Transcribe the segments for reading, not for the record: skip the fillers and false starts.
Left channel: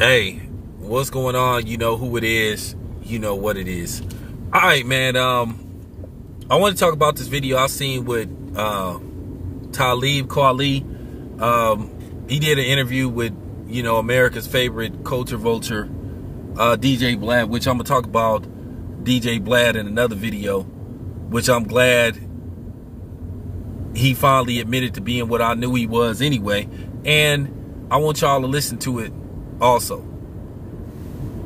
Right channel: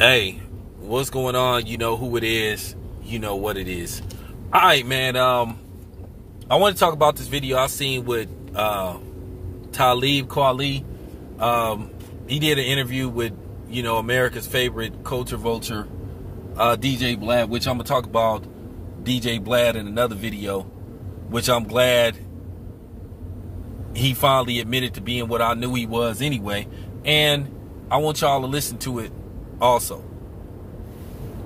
Hey, what's going on? You know who it is. You know what it is. All right, man. I want to talk about this video I seen with Talib Kweli. He did an interview with, America's favorite culture vulture, DJ Vlad, which I'm going to talk about DJ Vlad in another video, which I'm glad he finally admitted to being what I knew he was anyway. And I want y'all to listen to it also.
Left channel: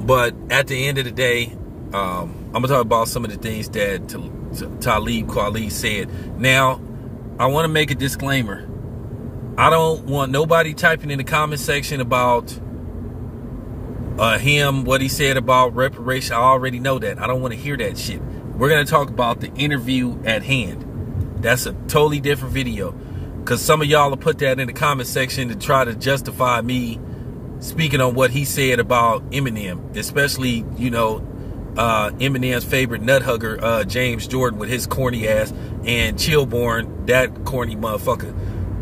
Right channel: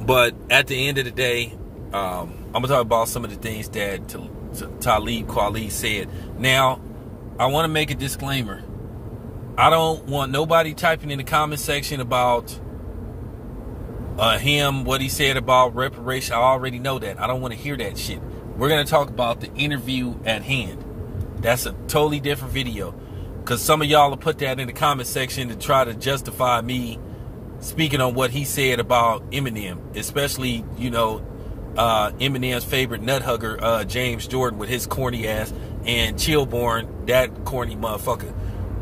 But at the end of the day, I'm gonna talk about some of the things that Talib Kweli said. Now, I want to make a disclaimer. I don't want nobody typing in the comment section about him, what he said about reparation. I already know that. I don't want to hear that shit. We're gonna talk about the interview at hand. That's a totally different video, because some of y'all will put that in the comment section to try to justify me speaking on what he said about Eminem, especially, Eminem's favorite nut hugger, James Jordan, with his corny ass, and Chillborn, that corny motherfucker.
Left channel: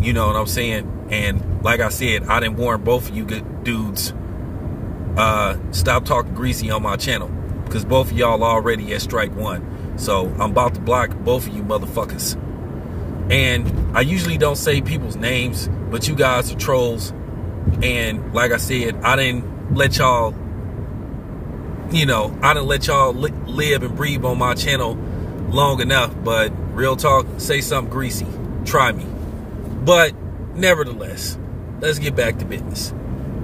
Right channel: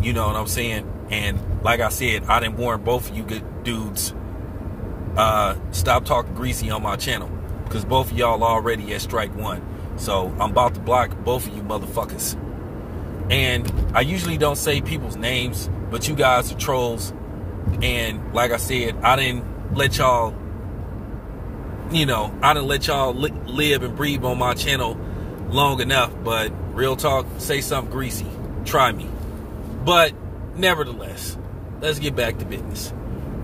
You know what I'm saying? And like I said, I done warn both of you good dudes, stop talking greasy on my channel, because both of y'all already at strike one. So I'm about to block both of you motherfuckers. And I usually don't say people's names, but you guys are trolls. And like I said, I didn't let y'all, live and breathe on my channel long enough. But real talk, say something greasy, try me. But nevertheless, let's get back to business.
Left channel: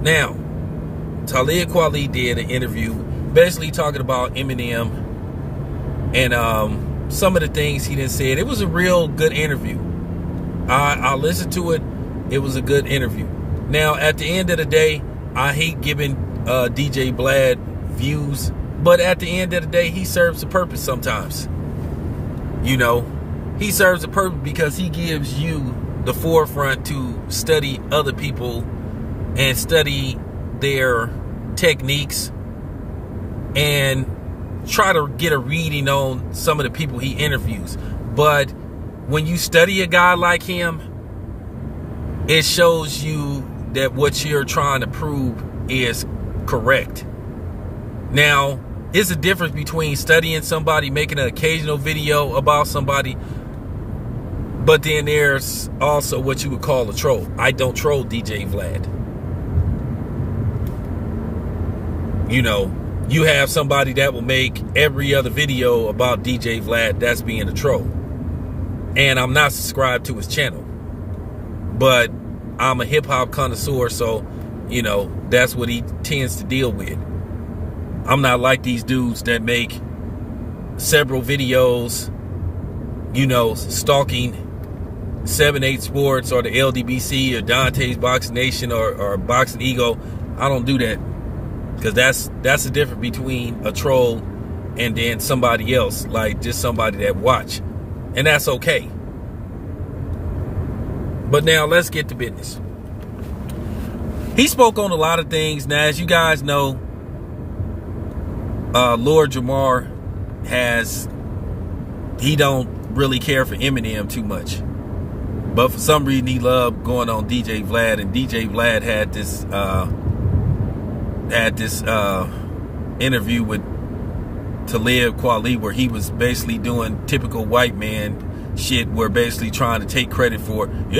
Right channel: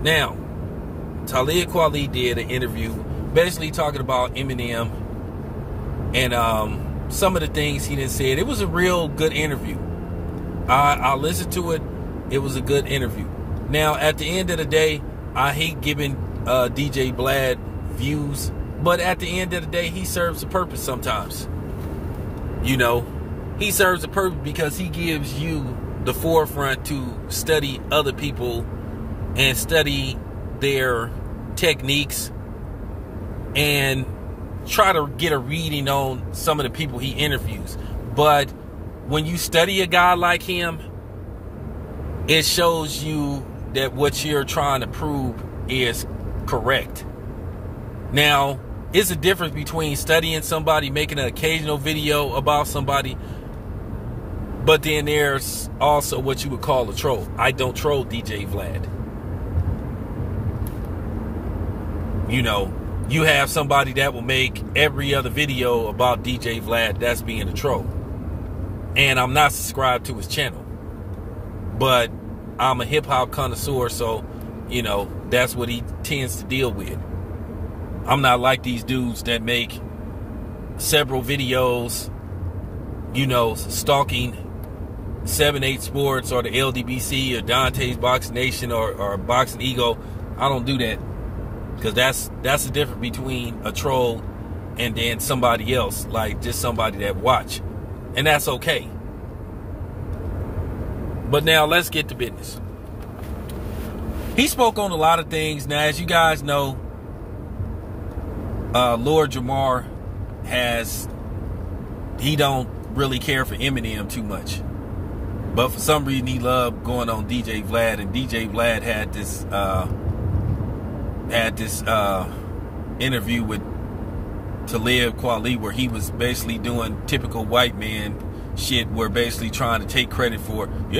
Now, Talib Kweli did an interview basically talking about Eminem and some of the things he done said. It was a real good interview. I listened to it. It was a good interview. Now, at the end of the day, I hate giving DJ Vlad views, but at the end of the day, he serves a purpose sometimes. He serves a purpose because he gives you the forefront to study other people and study their techniques and try to get a reading on some of the people he interviews. But when you study a guy like him, it shows you that what you're trying to prove is correct. Now, it's a difference between studying somebody, making an occasional video about somebody, but then there's also what you would call a troll. I don't troll DJ Vlad. You have somebody that will make every other video about DJ Vlad. That's being a troll. And I'm not subscribed to his channel. But I'm a hip-hop connoisseur, so, that's what he tends to deal with. I'm not like these dudes that make several videos, stalking 7-8 Sports or the LDBC or Dante's Boxing Nation or Boxing Ego. I don't do that, because that's the difference between a troll and then somebody else, like just somebody that watch. And that's okay. But now let's get to business. He spoke on a lot of things. Now, as you guys know, Lord Jamar he don't really care for Eminem too much. But for some reason, he loved going on DJ Vlad. And DJ Vlad had this interview with Talib Kweli, where he was basically doing typical white man shit, where basically trying to take credit for, he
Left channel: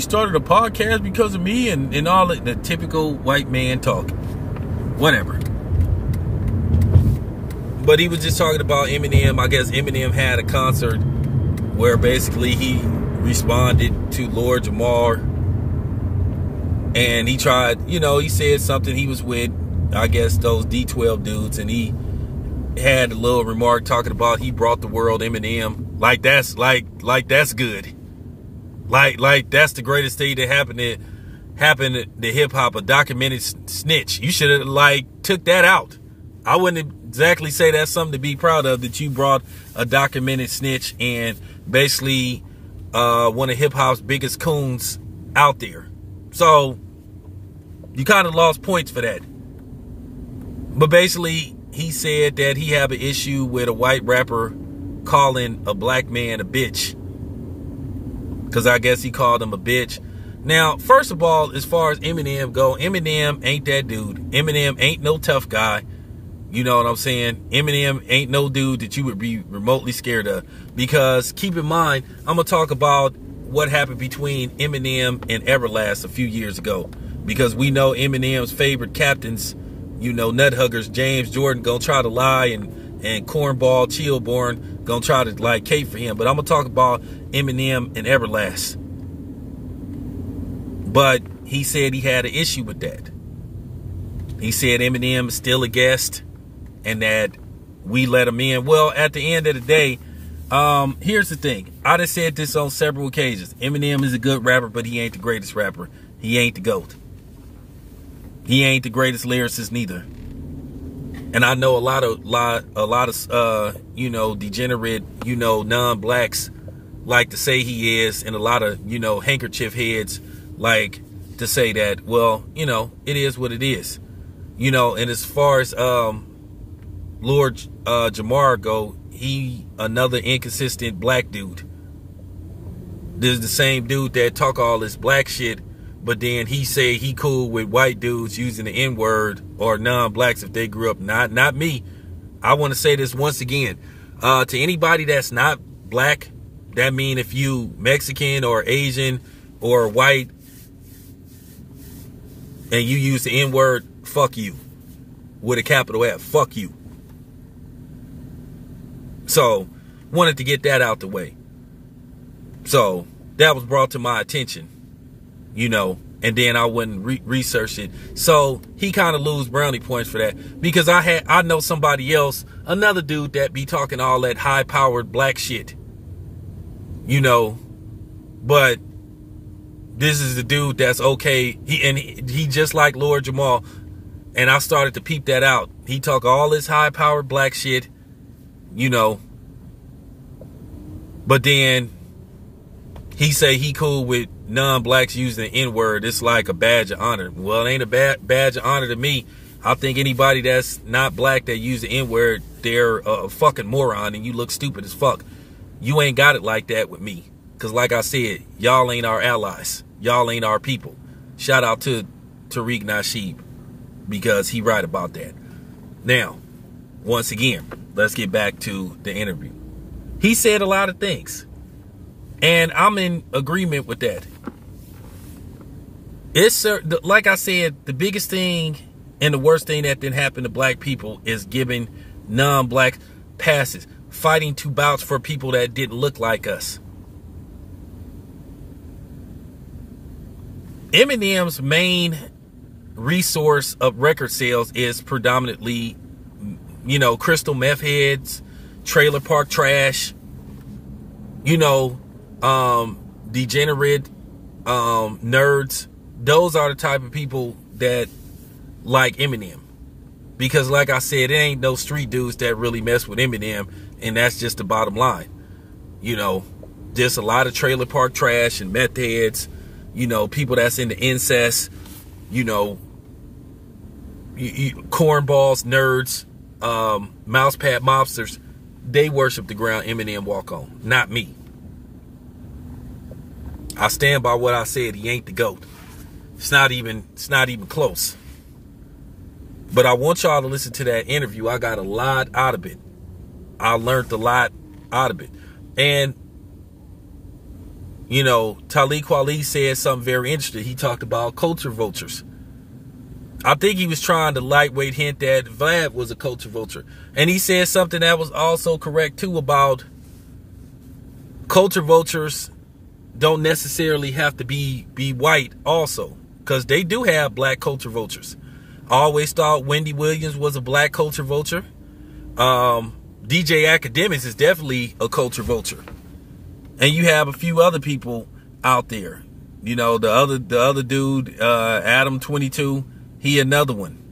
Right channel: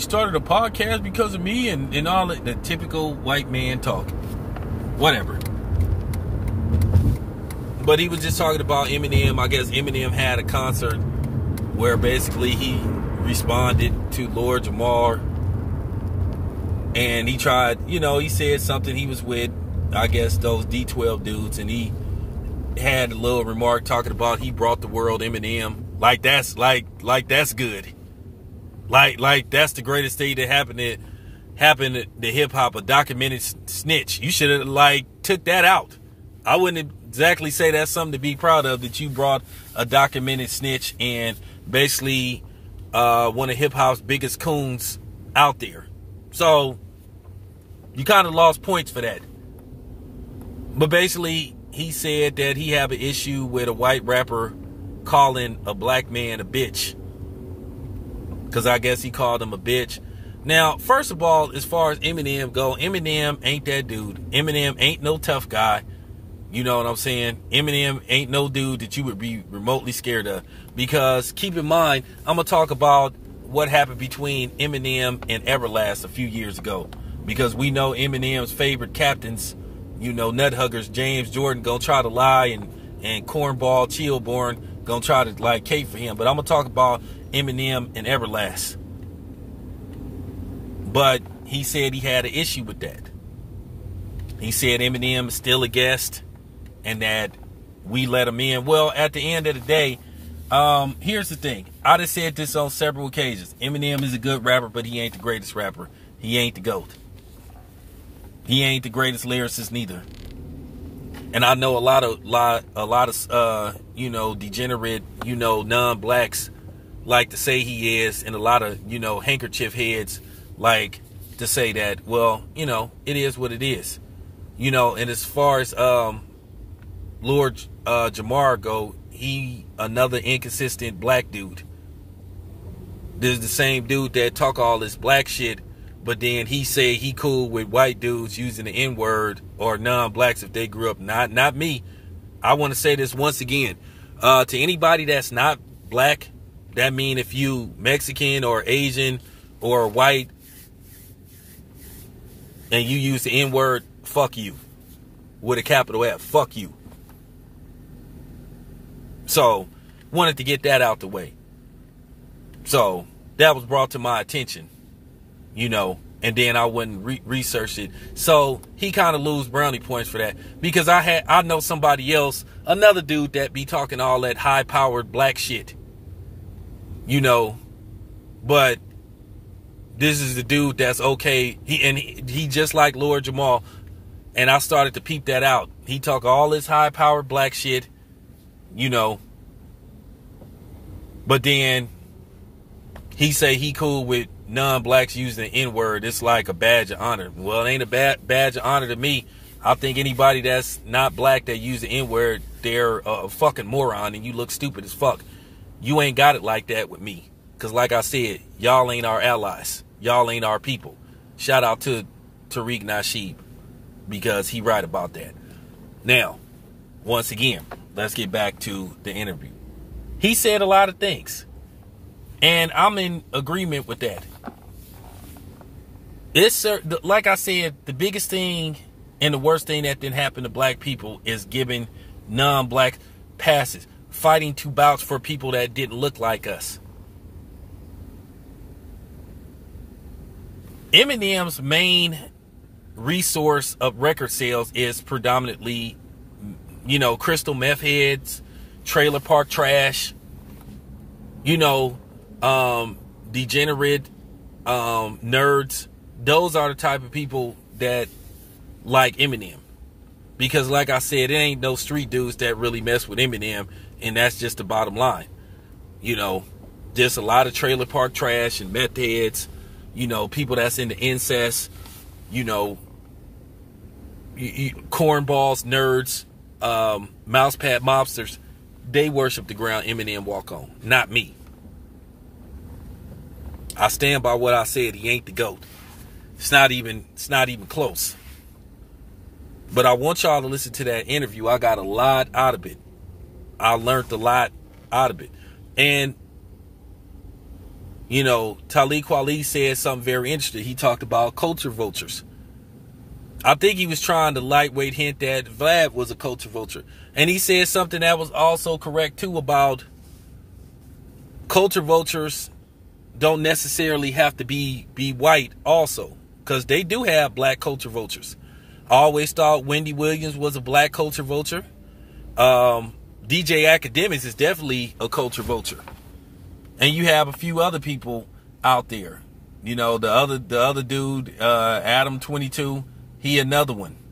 started a podcast because of me and all the typical white man talk. Whatever. But he was just talking about Eminem. I guess Eminem had a concert where basically he responded to Lord Jamar. And he tried, he said something. He was with, I guess, those D12 dudes, and he had a little remark talking about he brought the world Eminem. Like that's good. Like that's the greatest thing that happened to hip hop, a documented snitch. You should have took that out. I wouldn't exactly say that's something to be proud of, that you brought a documented snitch and basically one of hip hop's biggest coons out there. So you kind of lost points for that. But basically, he said that he have an issue with a white rapper calling a black man a bitch, because I guess he called him a bitch. Now, first of all, as far as Eminem go, Eminem ain't that dude. Eminem ain't no tough guy. You know what I'm saying? Eminem ain't no dude that you would be remotely scared of. Because keep in mind, I'm going to talk about what happened between Eminem and Everlast a few years ago. Because we know Eminem's favorite captains, you know, nut huggers, James Jordan, gonna try to lie, and Cornball, Chillborn, gonna try to like cape for him. But I'm gonna talk about Eminem and Everlast. But he said he had an issue with that. He said Eminem is still a guest and that we let him in. Well, at the end of the day, here's the thing. I just said this on several occasions. Eminem is a good rapper, but he ain't the greatest rapper. He ain't the GOAT. He ain't the greatest lyricist neither. And I know a lot of you know, degenerate, you know, non-blacks like to say he is, and a lot of, you know, handkerchief heads like to say that, well, you know, it is what it is. You know, and as far as Lord Jamar go, he another inconsistent black dude. This is the same dude that talk all this black shit, but then he say he cool with white dudes using the N-word or non-blacks if they grew up. Not me. I want to say this once again. To anybody that's not black, that mean if you Mexican or Asian or white and you use the N-word, fuck you. With a capital F. Fuck you. So, wanted to get that out the way. So, that was brought to my attention. You know, and then I wouldn't research it. So he kind of lose brownie points for that, because I know somebody else, another dude that be talking all that high powered black shit, you know, but this is the dude that's okay. He just like Lord Jamar, and I started to peep that out. He talk all this high powered black shit, you know, but then he say he cool with non-blacks using the N-word. It's like a badge of honor. Well, it ain't a badge of honor to me. I think anybody that's not black that use the N-word, they're a fucking moron, and you look stupid as fuck. You ain't got it like that with me. Because like I said, y'all ain't our allies. Y'all ain't our people. Shout out to Tariq Nasheed, because he right about that. Now, once again, let's get back to the interview. He said a lot of things, and I'm in agreement with that. It's like I said, the biggest thing and the worst thing that didn't happen to black people is giving non-black passes, fighting to vouch for people that didn't look like us. Eminem's main resource of record sales is predominantly, you know, crystal meth heads, trailer park trash, you know, degenerate nerds. Those are the type of people that like Eminem. Because like I said, it ain't no street dudes that really mess with Eminem, and that's just the bottom line. You know, just a lot of trailer park trash and meth heads, you know, people that's into incest, you know, cornballs, nerds, mousepad mobsters. They worship the ground Eminem walk on, not me. I stand by what I said. He ain't the GOAT. It's not even close. But I want y'all to listen to that interview. I got a lot out of it. I learned a lot out of it. And, you know, Talib Kweli said something very interesting. He talked about culture vultures. I think he was trying to lightweight hint that Vlad was a culture vulture. And he said something that was also correct, too, about culture vultures don't necessarily have to be white also. Because they do have black culture vultures. I always thought Wendy Williams was a black culture vulture. DJ Academics is definitely a culture vulture. And you have a few other people out there. You know, the other dude, Adam 22, he another one.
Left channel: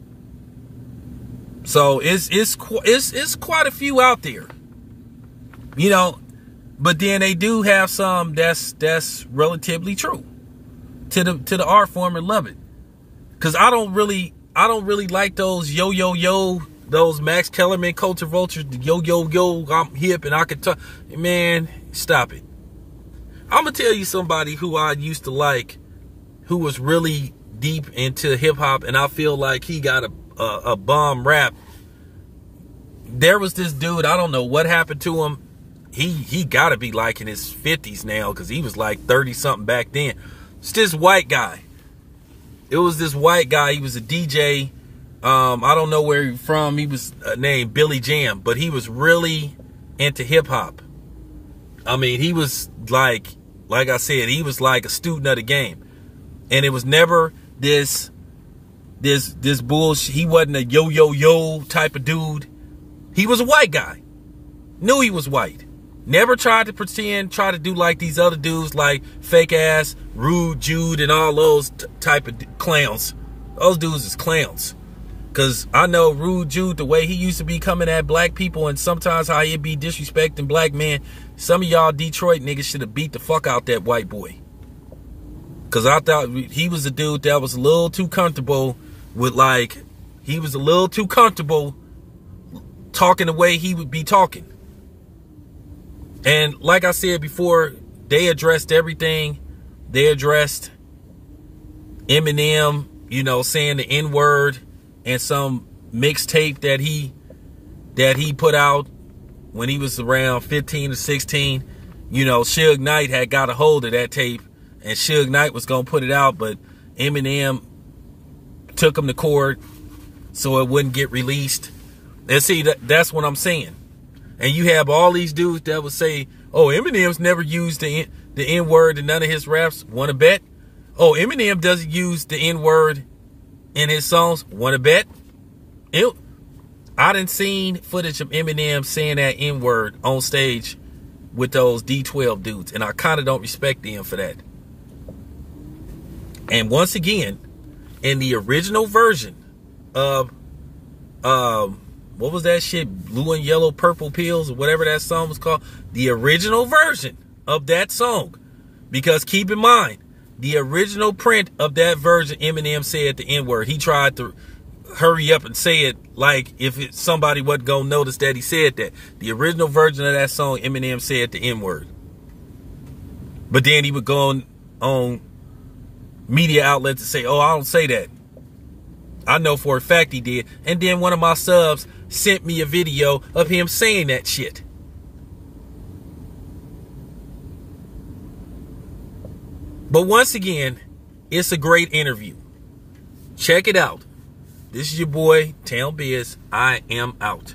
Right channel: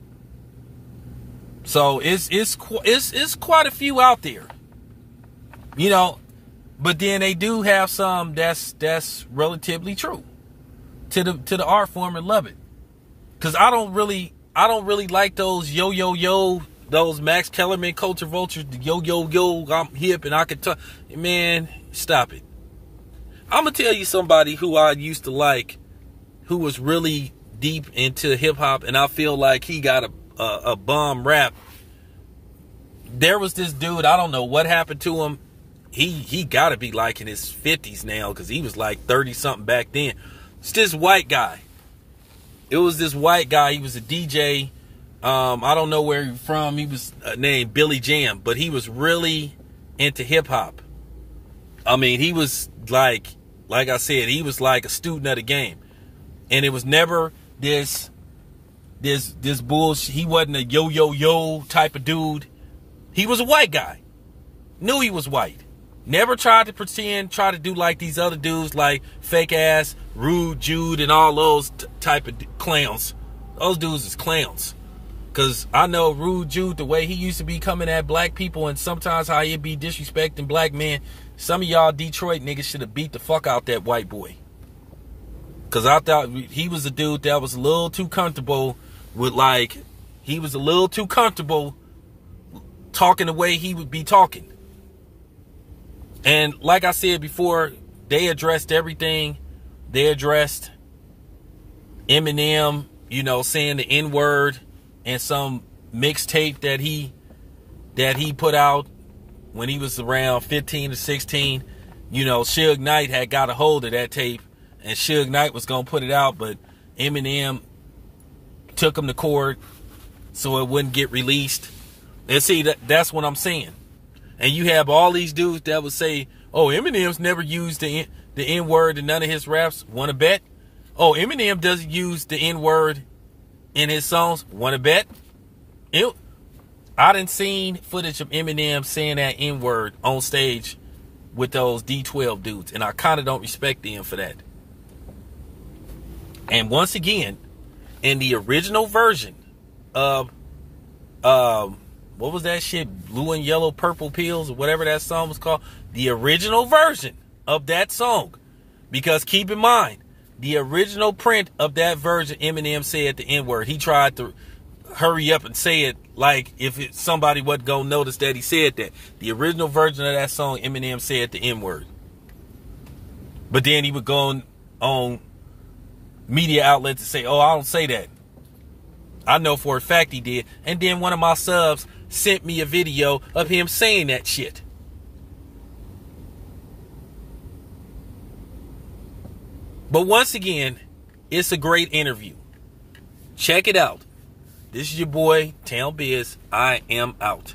So it's quite a few out there. You know, but then they do have some that's relatively true to the art form and love it. Cause I don't really like those those Max Kellerman culture vultures, the I'm hip and I can talk. Man, stop it. I'm gonna tell you somebody who I used to like who was really deep into hip hop, and I feel like he got a bomb rap. There was this dude, I don't know what happened to him. He got to be like in his 50s now, because he was like 30 something back then. It's this white guy. It was this white guy. He was a DJ. I don't know where he was from. He was named Billy Jam, but he was really into hip hop. I mean, he was like I said, he was like a student of the game. And it was never this bullshit. He wasn't a yo type of dude. He was a white guy. Knew he was white. Never tried to pretend, try to do like these other dudes, like fake ass, Rude Jude, and all those type of clowns. Those dudes is clowns. Because I know Rude Jude, the way he used to be coming at black people, and sometimes how he'd be disrespecting black men. Some of y'all Detroit niggas should have beat the fuck out that white boy. Because I thought he was a dude that was a little too comfortable with, like, he was a little too comfortable talking the way he would be talking. And like I said before, they addressed everything. They addressed Eminem, you know, saying the N-word, and some mixtape that he put out when he was around 15 or 16. You know, Suge Knight had got a hold of that tape, and Suge Knight was going to put it out, but Eminem took him to court so it wouldn't get released. And see, that's what I'm saying. And you have all these dudes that would say, oh, Eminem's never used the N-word in none of his raps. Want to bet? Oh, Eminem doesn't use the N-word in his songs. Want to bet? I done seen footage of Eminem saying that N-word on stage with those D12 dudes, and I kind of don't respect them for that. And once again, in the original version of what was that shit? Blue and Yellow Purple Pills, or whatever that song was called. The original version of that song. Because keep in mind, the original print of that version, Eminem said the N-word. He tried to hurry up and say it like if somebody wasn't going to notice that he said that. The original version of that song, Eminem said the N-word. But then he would go on media outlets and say, oh, I don't say that. I know for a fact he did. And then one of my subs sent me a video of him saying that shit. But once again, it's a great interview. Check it out. This is your boy, Town Biz. I am out.